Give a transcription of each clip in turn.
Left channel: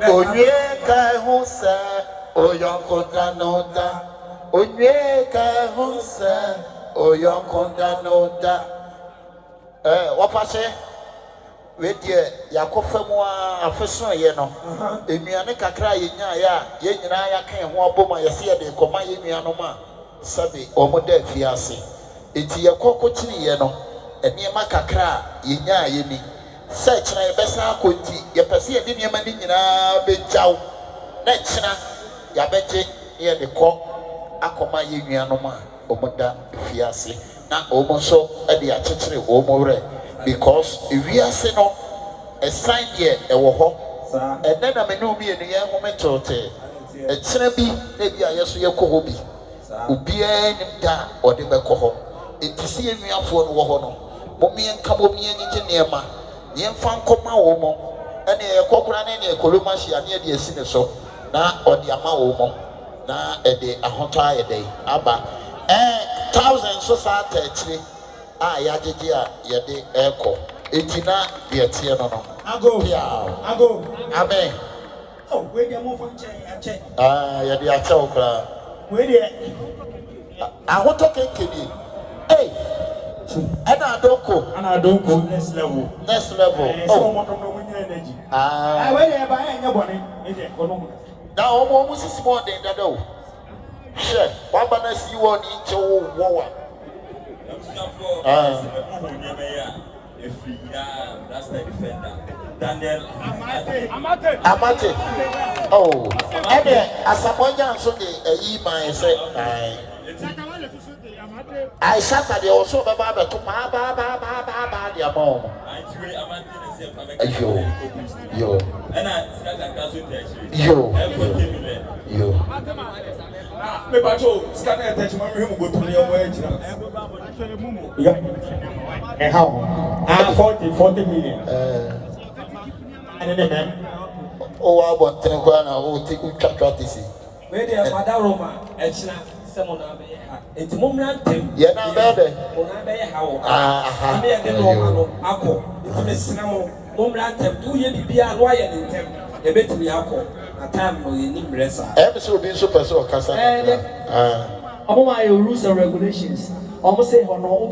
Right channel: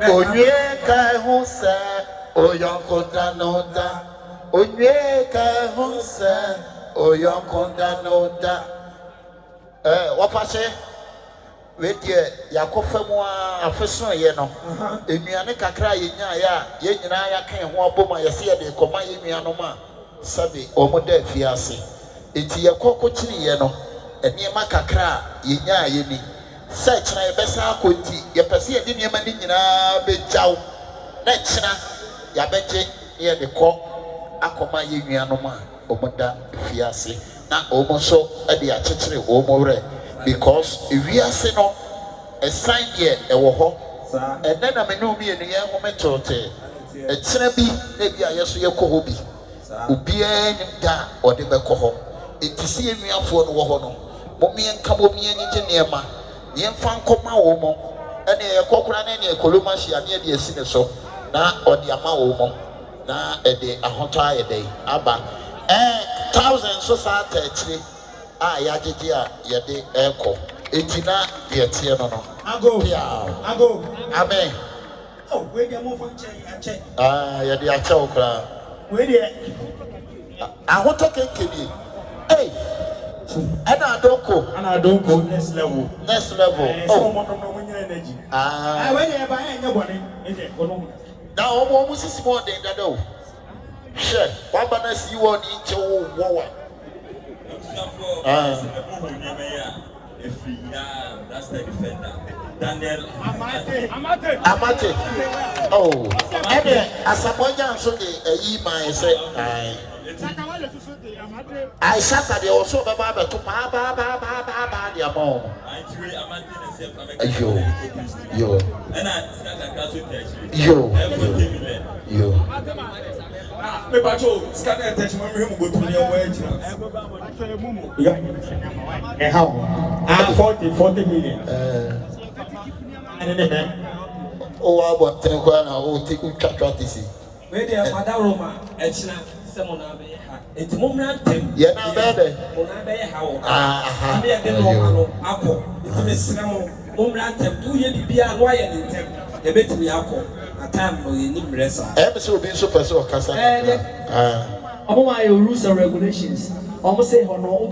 Onye ka husa oyonkonda noda. Onye ka husa oyonkonda noda. Wapase wedie yakofemu afeso ye no. Enuane kakra yenya ya ye nyina ya kan ho aboma ye se ye de koma ye nuano ma sabe omoda fiase. Enti yakoko kiri ye no eniema kakra yenya ye ni. Search na yebesa akonti yepese ye de niema ni nyina bejaw na kyina yabeje ye de ko akoma ye nuano ma omoda fiase na omo so e de akekere omo re because wiase no a sign here ewo ho and then I know me enu ye ho metote e kyina bi na bia yeso ye ko ho bi obia ni da ode beko ho etisi enuafo no wo ho no momie nka momie nyije niema yemfa nkoma wo mo ene ye kokura na ne ekoloma hia ne de asi ne so na ode ama wo mo na e de ahoto ayede aba thousands so sa tatire ya jeje a ye de eko etina ye tie no no ago amen oh we dey move for che ye de ache okra we dey ahoto kenkeni ana adonko next level oh mo no energy we dey ba enya bone e dey kono mu na omo sisi mo den dada o she wa ba na si wo ni nche wo wa that's the defender Daniel Amate oh ade asamonya nso de ayi man se I shaka de also baba be to ba de amom yo Pepacho scan attach my room go to the way yeah how 40 million and then oh I want to go na o take practice we dey father Roma echina semona be ha enti momra ntem ye na be de mona be ha o be de no akọ enti mesina mo momra ntem tu ye bibia no aye ntem e betimi akọ time no ye nim resa so be so person kasa rules and regulations almost say no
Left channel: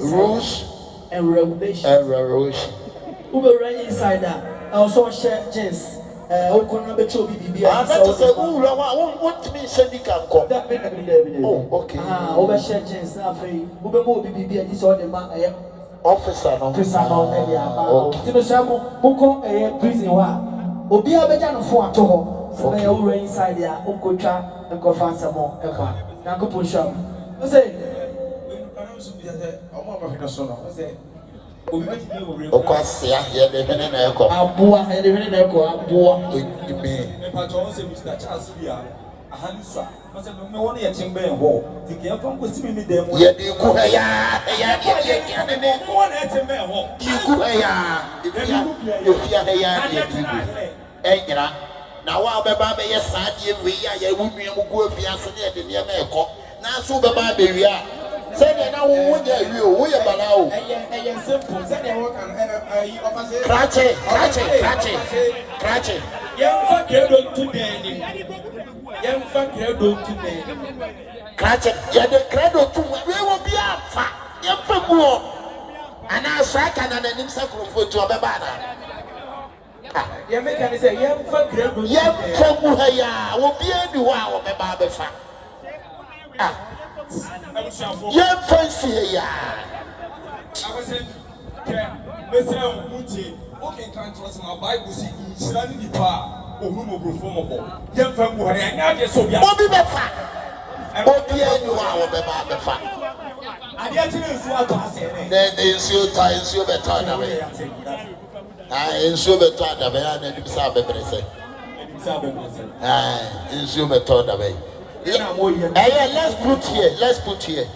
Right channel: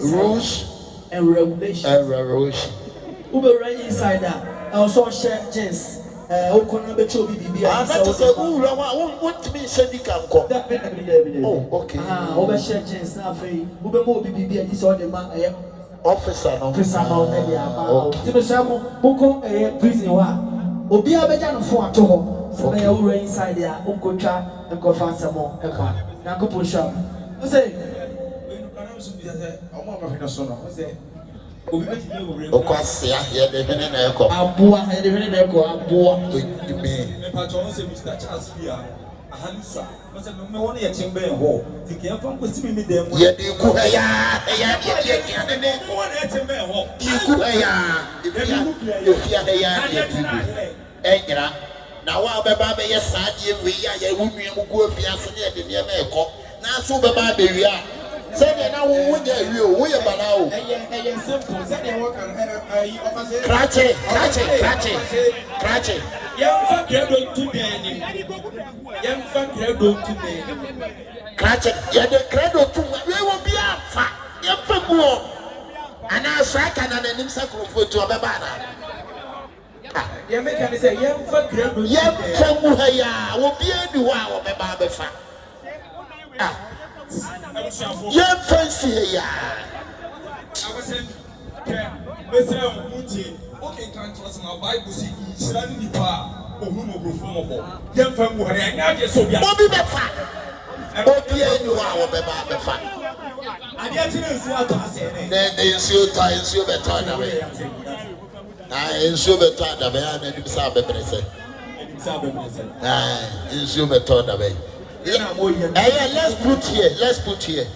rules and regulations inside that also share jeans okona be chobi bibia that is a rule what me say can come oh okay over share jeans na fe ube mo bibia this all the man officer no ti sha mo ko prison wa obi abeja no fo ato ho so na ya wura inside ya onkotwa enkofa asemo ekwa na ko pusham o say omo ma fi so no o say obi be ti le o kwasia ye de hene na eko abua ye de hene na eko abua me patron say Mr. Charles Bia ahansa o say me won ye chimbe ho ti ke fa ko simi mi dem ye de ku ya ne ne won ye chimbe ho ku ya efia de ya enyira na wa beba be ye saade we ya ye wunua mu go afia se ne de ne ma eko na so beba be wi a se ne na wo nya wi o wo ye bana o eye simple se de wo kan officer krache ye fa credo today ni ye fa credo today krache ye de credo tu we wo bia fa ye fa mu o ana so aka na nanim sakrofo tu obeba na ye make can say ye fa credo ye fa mu ha ya wo bia bi ho a wo beba be fa ye fancy ya Mesra Muti, okay, can't trust my Bible. See, Shirani Nipa, or whom will perform. Young from Buhari, and now you're so young. Bobby Befa. Bobby, you are the fact. I get to see what I say. Then they ensure time, so better. I ensure better the way I need to sabe present. Ensure better the way. Let's put here.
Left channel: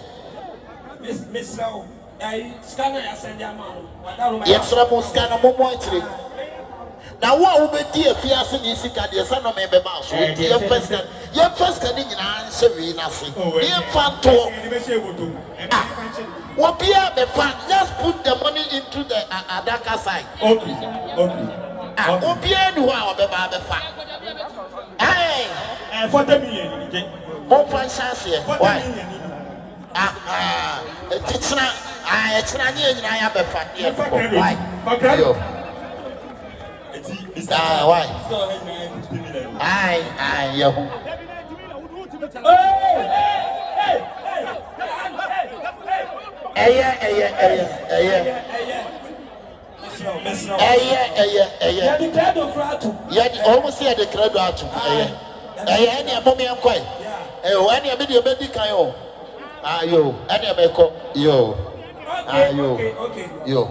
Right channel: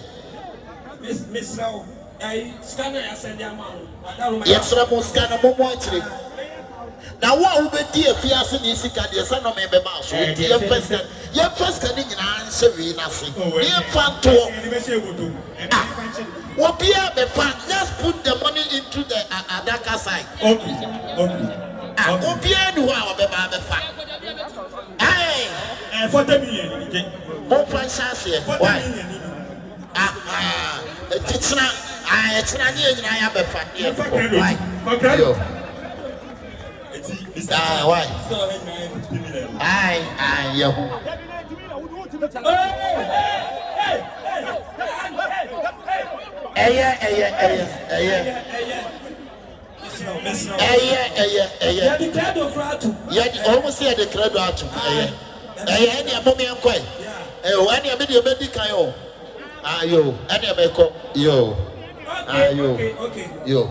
Miss Now. Scanner send your man. Yes, Ramos scanner more. Now, what will be dear Fias and Isika, the son of member mouse? Your first can answer nothing. Dear fan to what be the fun? Just put the money into the Adaka side. Obia no wa obeba befa. And 40 million. Mo fancy why? It's not ni nyina ya befa dey. Why? Why? Yo. Almost here the credo out. Any mommy and quite. Any of the baby can yo. Yo, any of yo. Yo.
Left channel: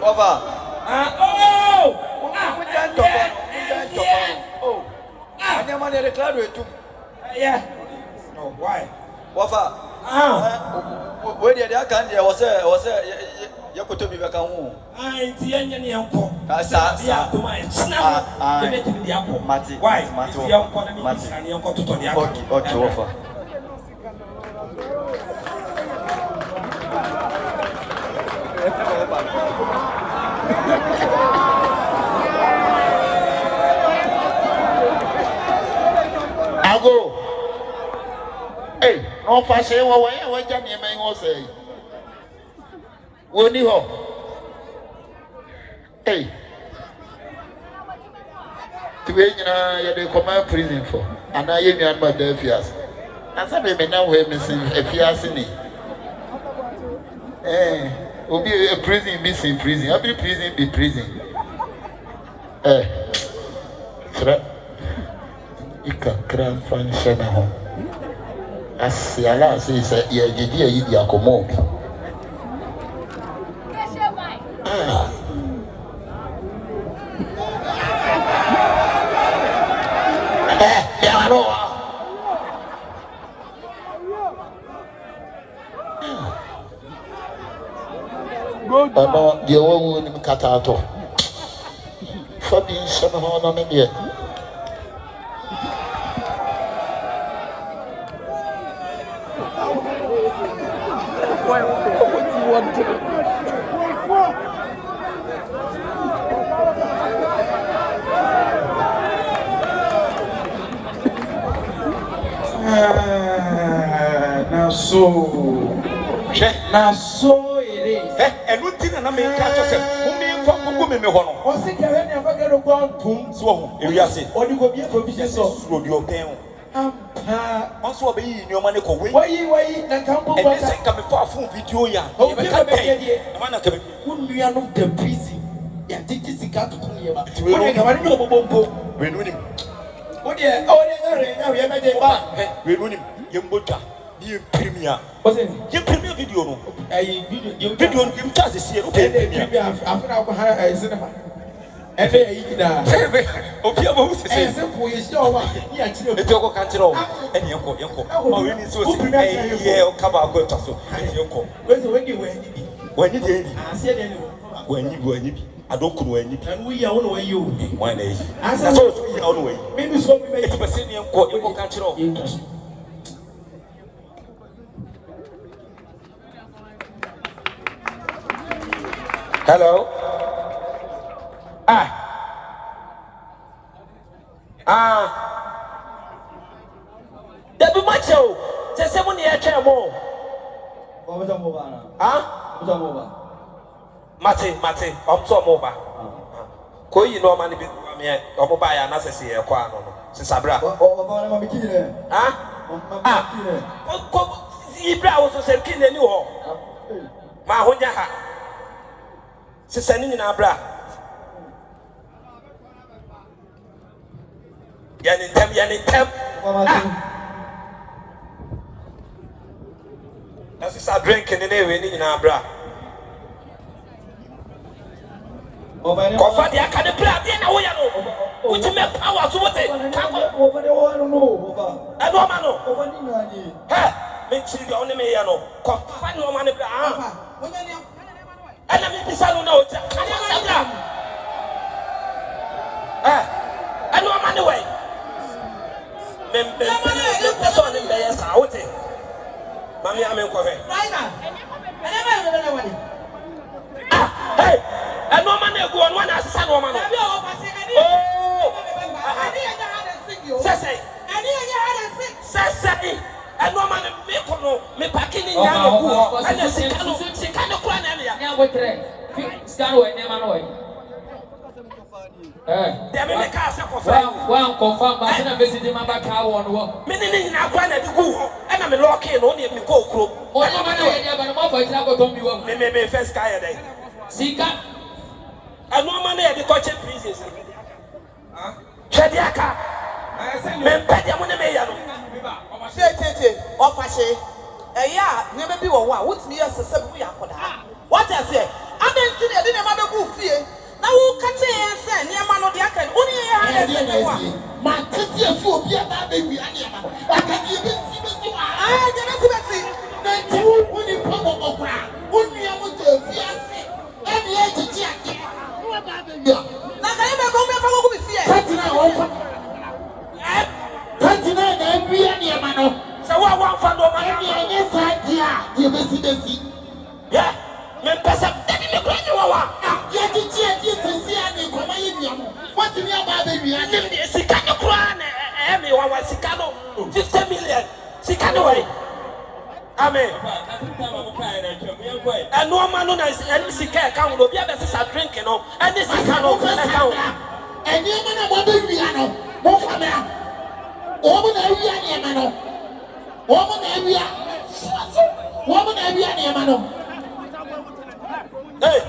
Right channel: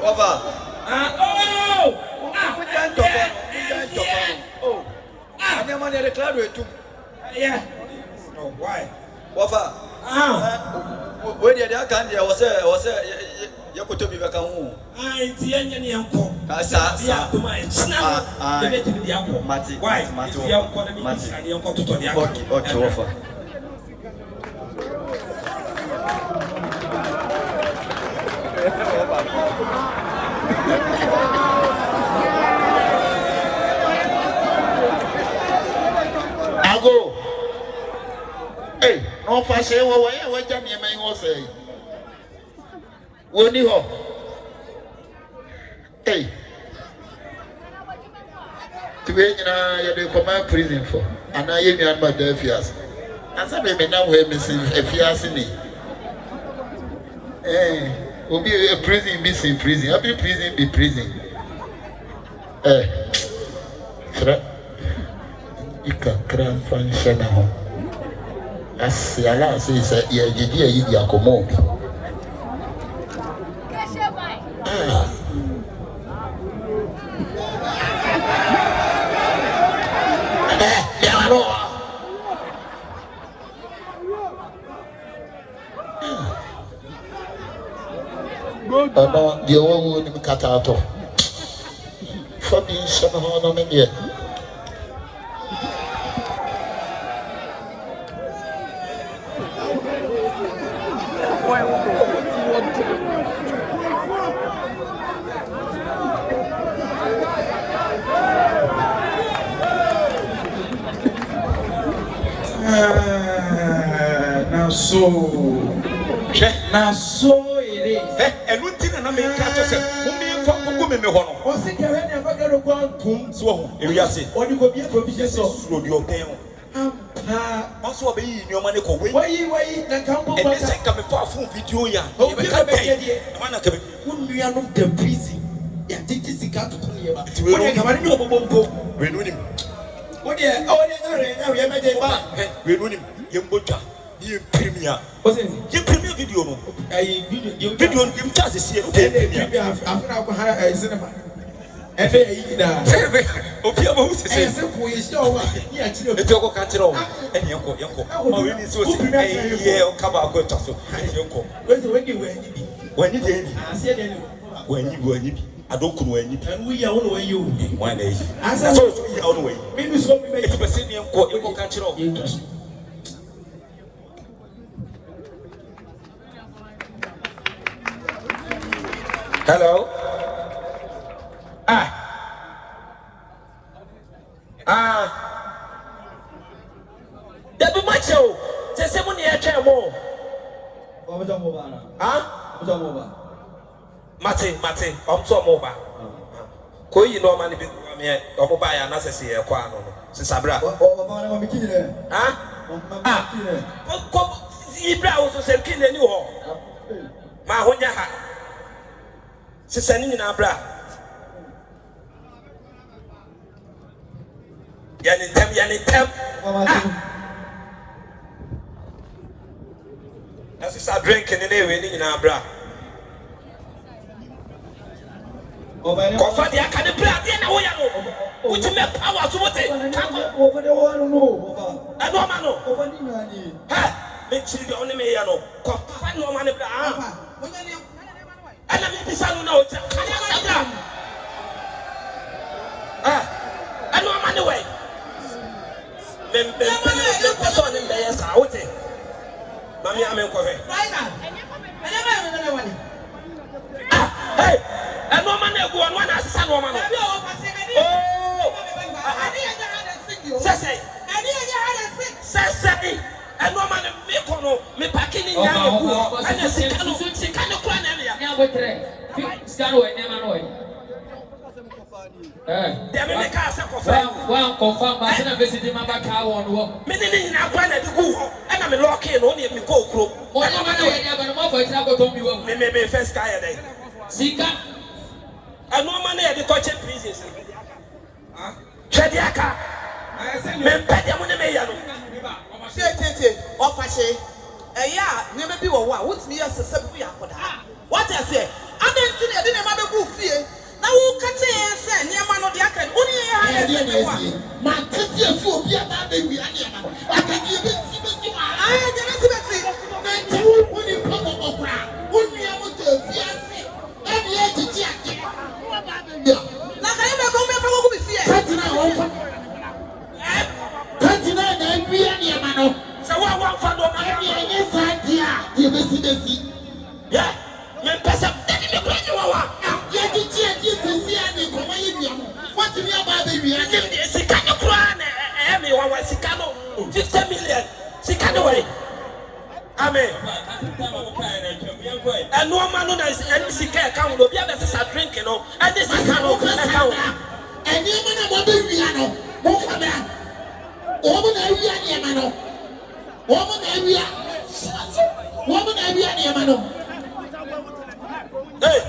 Over. I'm going to declare it. Yeah. No, why? Over. When you are candy, I was you could be back home. I see any uncle. Why? The uncle and the uncle to the uncle. I go. Hey, on passe, what Jamie may say. When you hey, to be in the command prison for, and I am your mother, Fias. And some may now wear missing a Fias in me. Will be a prison missing prison. I'll be prison be prison. You can cry function. As the Allah says, you did a commode. No, the old woman cut out. For being somehow on it yet. Now so it is. And one thing I may catch us. Women, what's it? I never get a one so if you say, or you could be a provision of your pen. Also, be in your money. Why you come far from video? Yeah, we are not the busy. Yeah, this is the cat to come here. What you premier. You premier video no. Video you just see it. I cinema. Okay, about say. It's your country. And yanko. Oh, we need so yeah, cover go to so. Yanko. When you did. When you I don't know when you and we are on way you. One day. As I was we are on way. Maybe so we make a senior court you country. Hello. Debi macho. Say money I care more. Mate, I'm so mobile. Koi no man be me o mobile ya na sese e kwa no no. Sisabra. Ko Ibra wo so se kin ani ho. Ma honya ha. Sisa ni na bra. Yani tem. That's a drink in the name in our bra. Coffee, the academy, I know. Which make power to what I don't know. I don't know. Make sure you only may know. Coffee, no money. And I'm the son of no. I don't money away. Then the person in there is out. me uncle. Right now. Hey, and no man go on one as son woman. Sassy, and no man me packing in Yamaku, and the Sikano Kwan. Well, confirm, but I'm visiting my back. How on what? Meaning, I wanted to go, and I'm a lock in only in Coke. What am I going for example? Don't be one. Maybe first guy day. Sika, and no money at the coaching pieces. Chadiaka, men Pediamon Mayor. Never be one. What's me as a subway? What I say? I didn't have a good fear. Now, who can say, near man of the Akan? Only my sister will be a baby. I can give it. I didn't see it. Only probable ground. Only I want to fiancé. And yet to check. Now, I never go back over with fear. 29 every year, man. So, I want for the money. Yes, I did. You will see. Yeah. Yes, what do you about baby? I give you 50 million. Sikano. Amen. And no man knows any sick account will be able to drink, you know, and this is account. And you know what we are no for now. Woman, area, woman, area, man. Hey,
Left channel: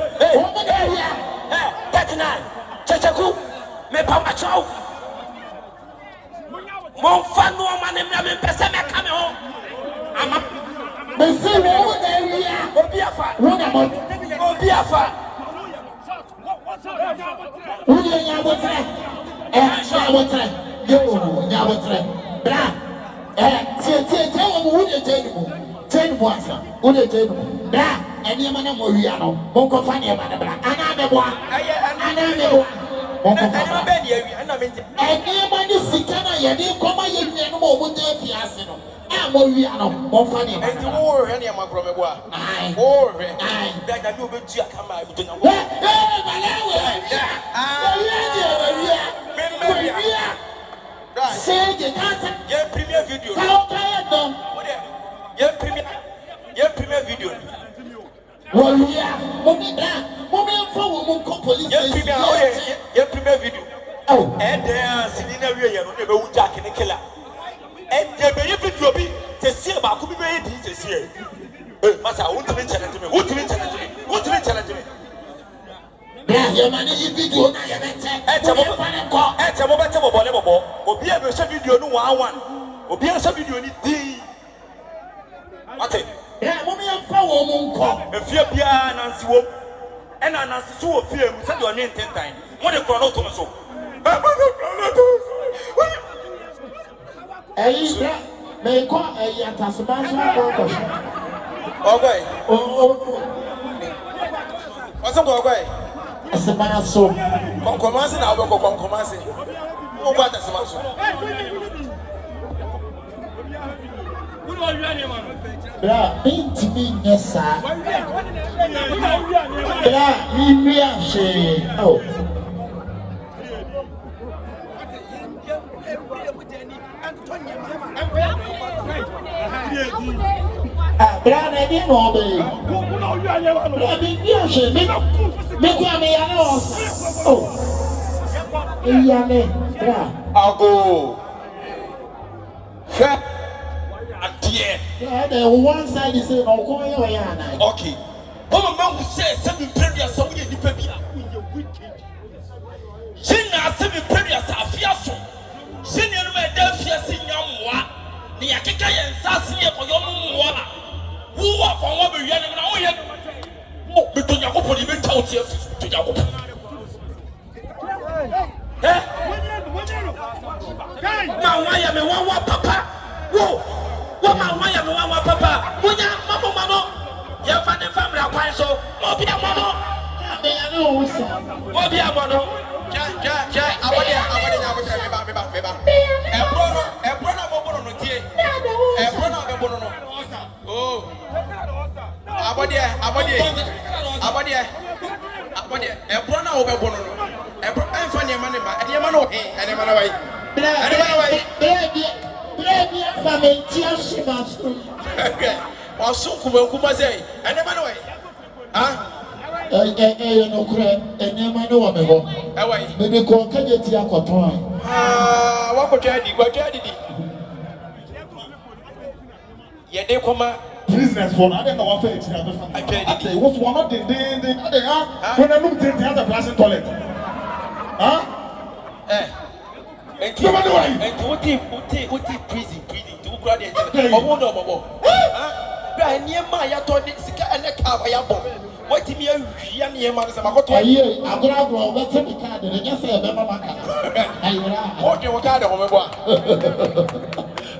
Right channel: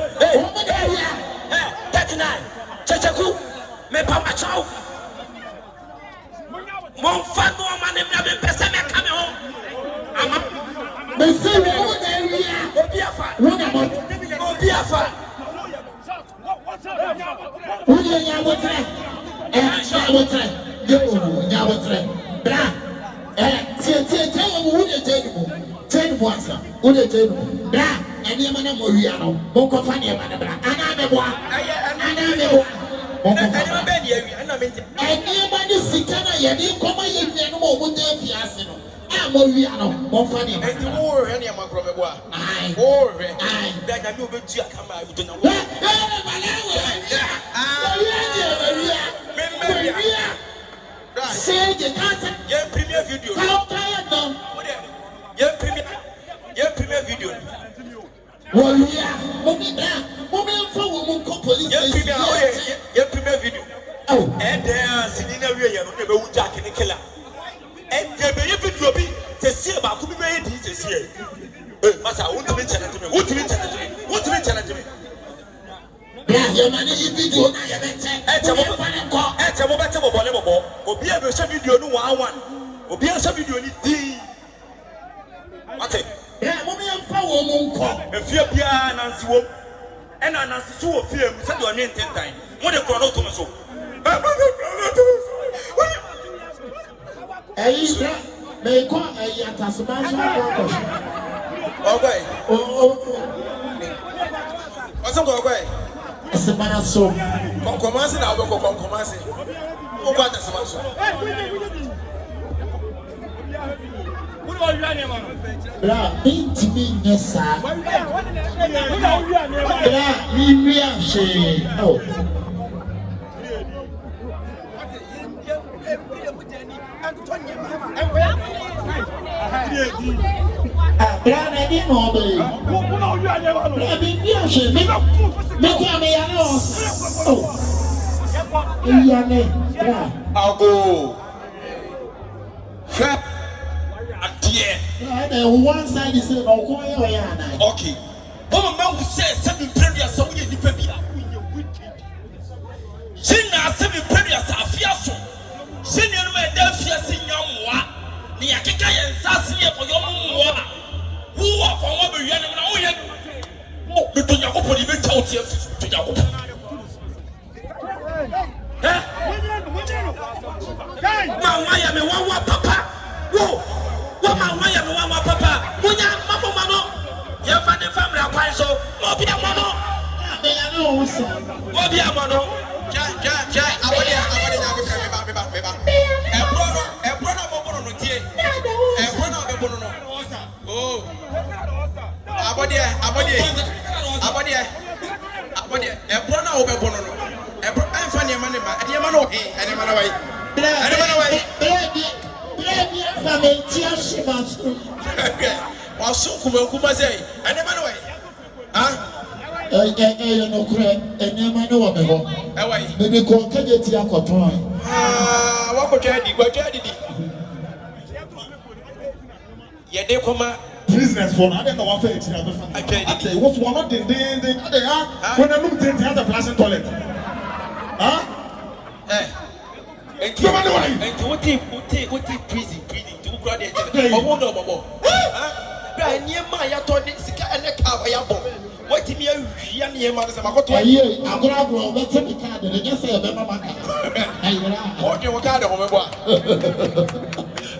39. Chachaku, me papa chow. Mon fan no man in the person come home. The same woman area. Obiafa. Obiafa. Who you know what time? Bra. Who you tell you? Bra. And you man Moriano, Monco Fania Manabra, and I'm the one. And you man is Sikana, you didn't come in more with the Fiasino. I'm Moriano, Monfani, and you more any of my brother. I more that I do with Giacama. Say the answer. Your premier video. How tired them? Your premier video. Well, yeah, mommy, for police. Your premier video. Oh, and there, sitting away, you never Jack and the killer. And there may be to be to see about who made this year. But I want to mention it to me. What to mention it to me? What to mention it to me? Your money is video. At a moment of a or be able to send you one, or be able to send you anything. What's it? Yeah, mommy, I'm for if you're beyond and see and I see a film, said your name 10 times. What a chrono to my soul. May come a Yatasman. Okay. What's okay? As a man, so commencing, I will go commencing. Oh, what does Bra, beat me, yes, sir. Bra, we are she. Oh. Bra, I didn't know the. Bra, be your she. Make me oh. Yame, bra. I'll go. Yeah, the one side is saying, "Oh, come on, okay." But a man who says something previous, so we need to be. Sina seven previous are fierce. Senior my Delphia senior moi. The Akika and Sassia for your mother. Who are from what we are now? Oh, between your open even told you to your why am I one papa? Whoa! What my am one papa? Mama Mano, your family are so. Obia Mano, I know, Obia Mano. I want to Ebrona obebono no. Ebro enfa ne ma ne ba. E ma no he, ene ma no wai. Ene ma no wai. Baby, family, she wants to. Wasu kuma say, ene ma no wai. Ah? No cry, ene ma no wa me ho. E wai. Maybe ko keje ti akoton. Ah, wa ko jadi, Ye de koma business for I don't know what it is. Okay, what's one of the when I look at the flashing toilet. Huh? And what prison to graduate. I near my told it, Sika and a car. What do you mean? Man, I'm going to the card and just say, what you got on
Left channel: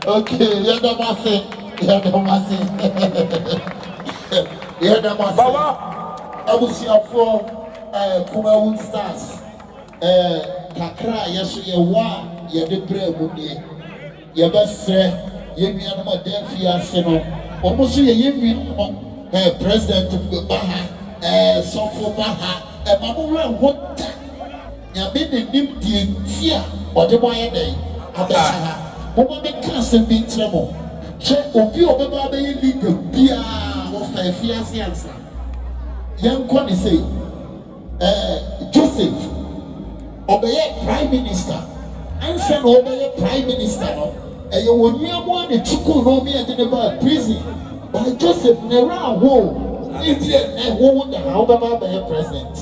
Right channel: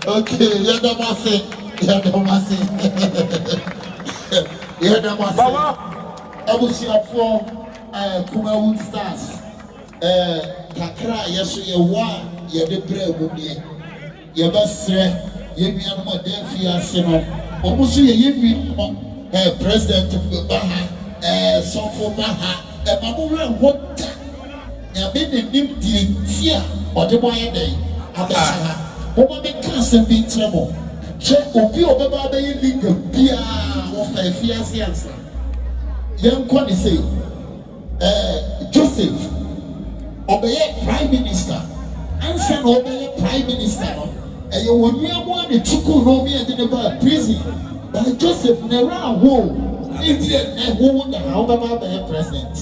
okay, Kumawood Stars. Kakra, yes, you want, you're the brave, you're best, you be on my dear fiancé. Almost you President Baha, Sofo Baha, and Mamma, what? You've been in Tia or the boy day. Abaha, woman, the castle be trouble. Check Opi Obaba legal, Pia of a fiancé answer. Young Connie say, Joseph, obey Prime Minister, answer obey Prime Minister. And you will near one the Chuku Romy and the prison by Joseph Nera Woo, Indian and who would the Hobaba president.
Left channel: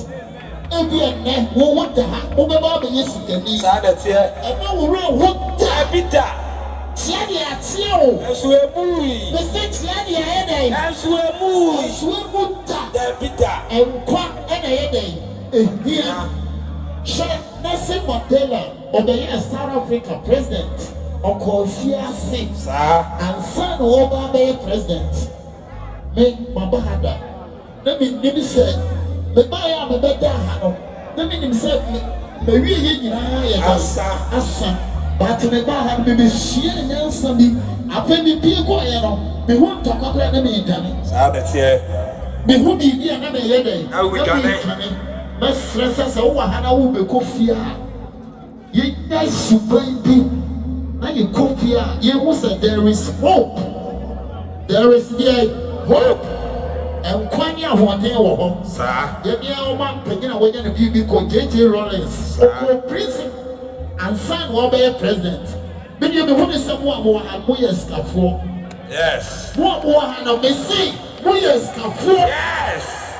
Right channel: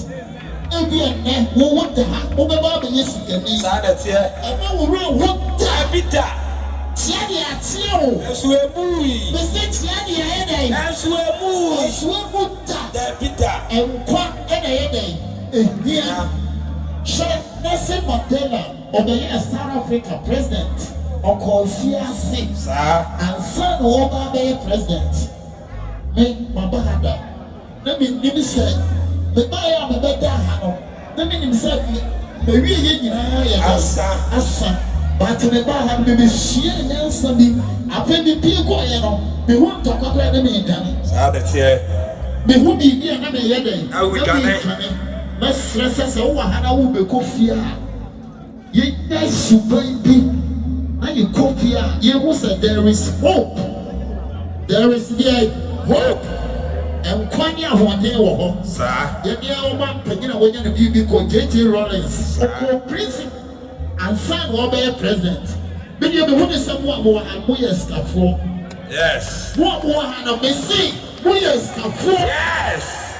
Indian and who would the Hobaba yesterday. That's here. And now we're what Tabita. Tiania Tio, As we are moving. Mr. Tiania Headache, As we are moving. as we would Tabita. and quack any headache. India. Nelson Mandela, or the South Africa president. Uncle Fiasi, and son Obama president. Make Mabahada. Let me say, the buyer of the better. Let me himself, maybe Asa, but the Bahan may be sheer Nelson. I pay the people, they won't talk about enemy. That's here. They would be another headache. How we can make let's stress us over how we be coffee. You guys super deep. Now you coffee, you will say there is hope. There is hope. And Kwanya Huaneo, sir, the near one taking away the BB called J.T. Rollins, or prison, and son will be a president. But you know someone who had Moyes for. Yes. What one of the sea? Moyes for. Yes.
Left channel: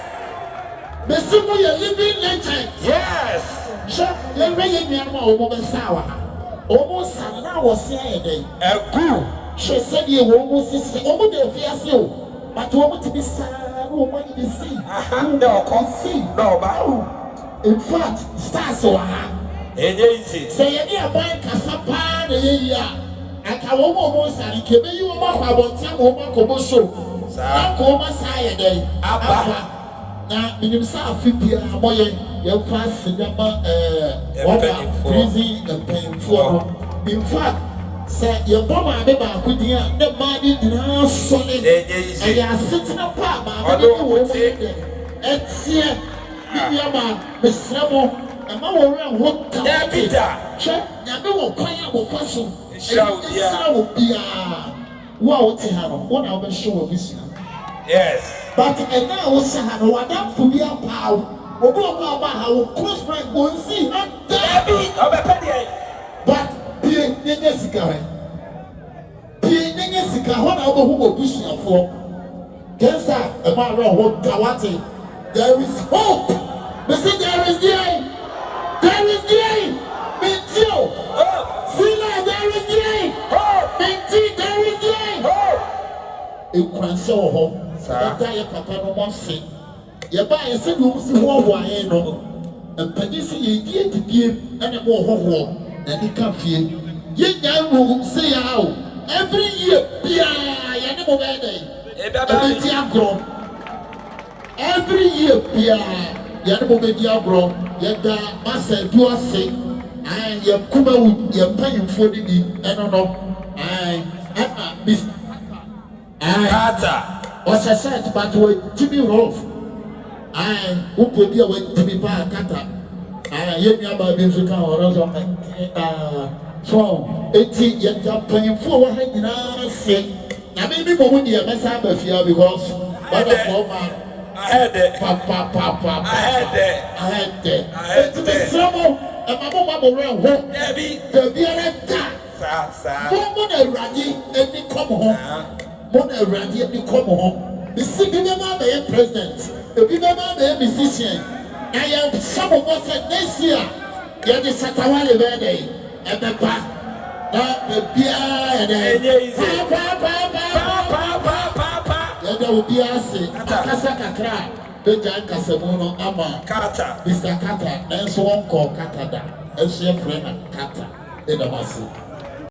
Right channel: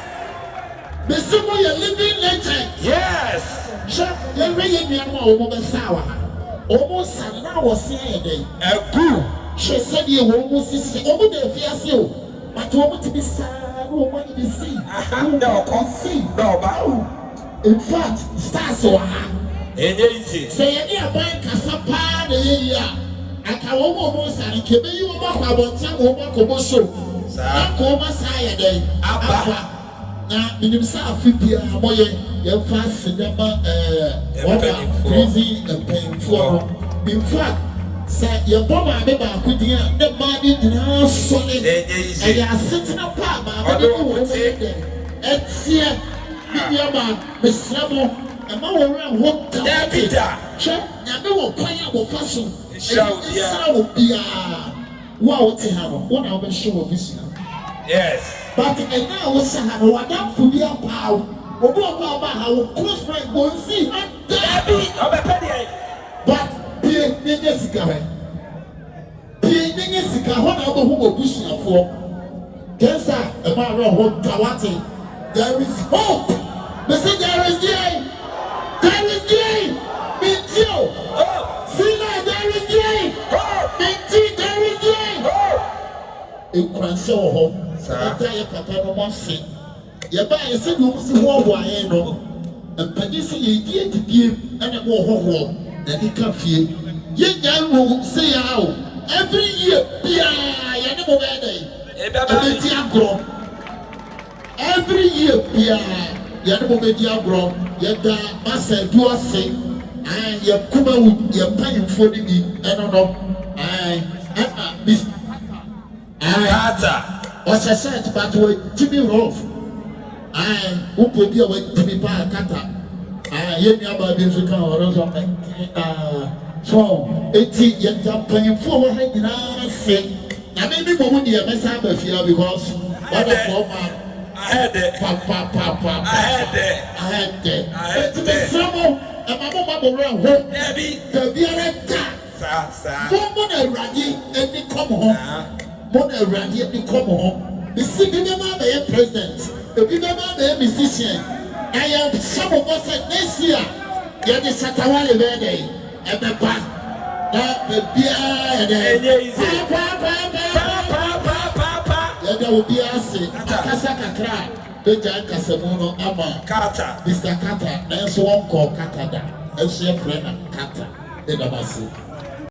The simple living legend. Yes. So, let me be a sour. Almost an hour saying a good. She said you almost almost the fiasco, but what to be sad, woman to be seen. No, can see. No, in fact, stars so say any boy Casapa, the area. I can almost and it you about some woman commercial. Come aside day. Now, in himself, a boy, your fast cinema, freezing and paying for. In fact, say your mama, the body now solid, and you are sitting apart, but I don't know it's here, Miss Ramo, and my own what can be done. Check, I know what will fashion. Shall be a wow, one of the show of this. Yes. But and now we say how what that for be a power. We don't know about how close friend go see. But pay Jessica. Pay Jessica. What about who go push you for? Yes, sir. About what Kawati. There is hope. We say there is joy. There is joy. Meet you. See now there is joy. Meet you. There is joy. In Cranshaw. Saya papa no mo se ye ba ye se no si ho ho aye no mpadi se ye die ene mo ho ho na di ka fie ye nya wo se ya o every year bia ye ne mo be dey e be ti agro every year bia ye ne mo be di agro ye da masa du ase an ye kuma wu ye panyimfo di eno no bis Kata ɔsɛ shirt but wɔ timi rough wopɔ bi a wɔ timi paa kata yɛn nuaba bi nso ka ɔno nso so eti yɛnta mpanyinfoɔ wɔ ha nyinaa se na mɛmi bɔ mu deɛ mɛsa aba fia because wɔde fɔ ma ahɛdɛ eti mesrɛ mo ɛma mo ma mo werɛ ho baabiara da mo na awurade ani kɔm ho mo na awurade ani kɔm ho bisi bi bɛma abɛyɛ president ebi bɛma abɛyɛ musician na yɛhyɛ mo bɔ sɛ next year yɛde satawale bɛyɛ dɛ ɛbɛba na ebiara yɛde yɛde obiara ase akasa kakra bɛgya nkasamu no ama Mr. Carter nanso wɔnkɔ Carter da ɛhyɛ frɛ na Carter ɛdam ase.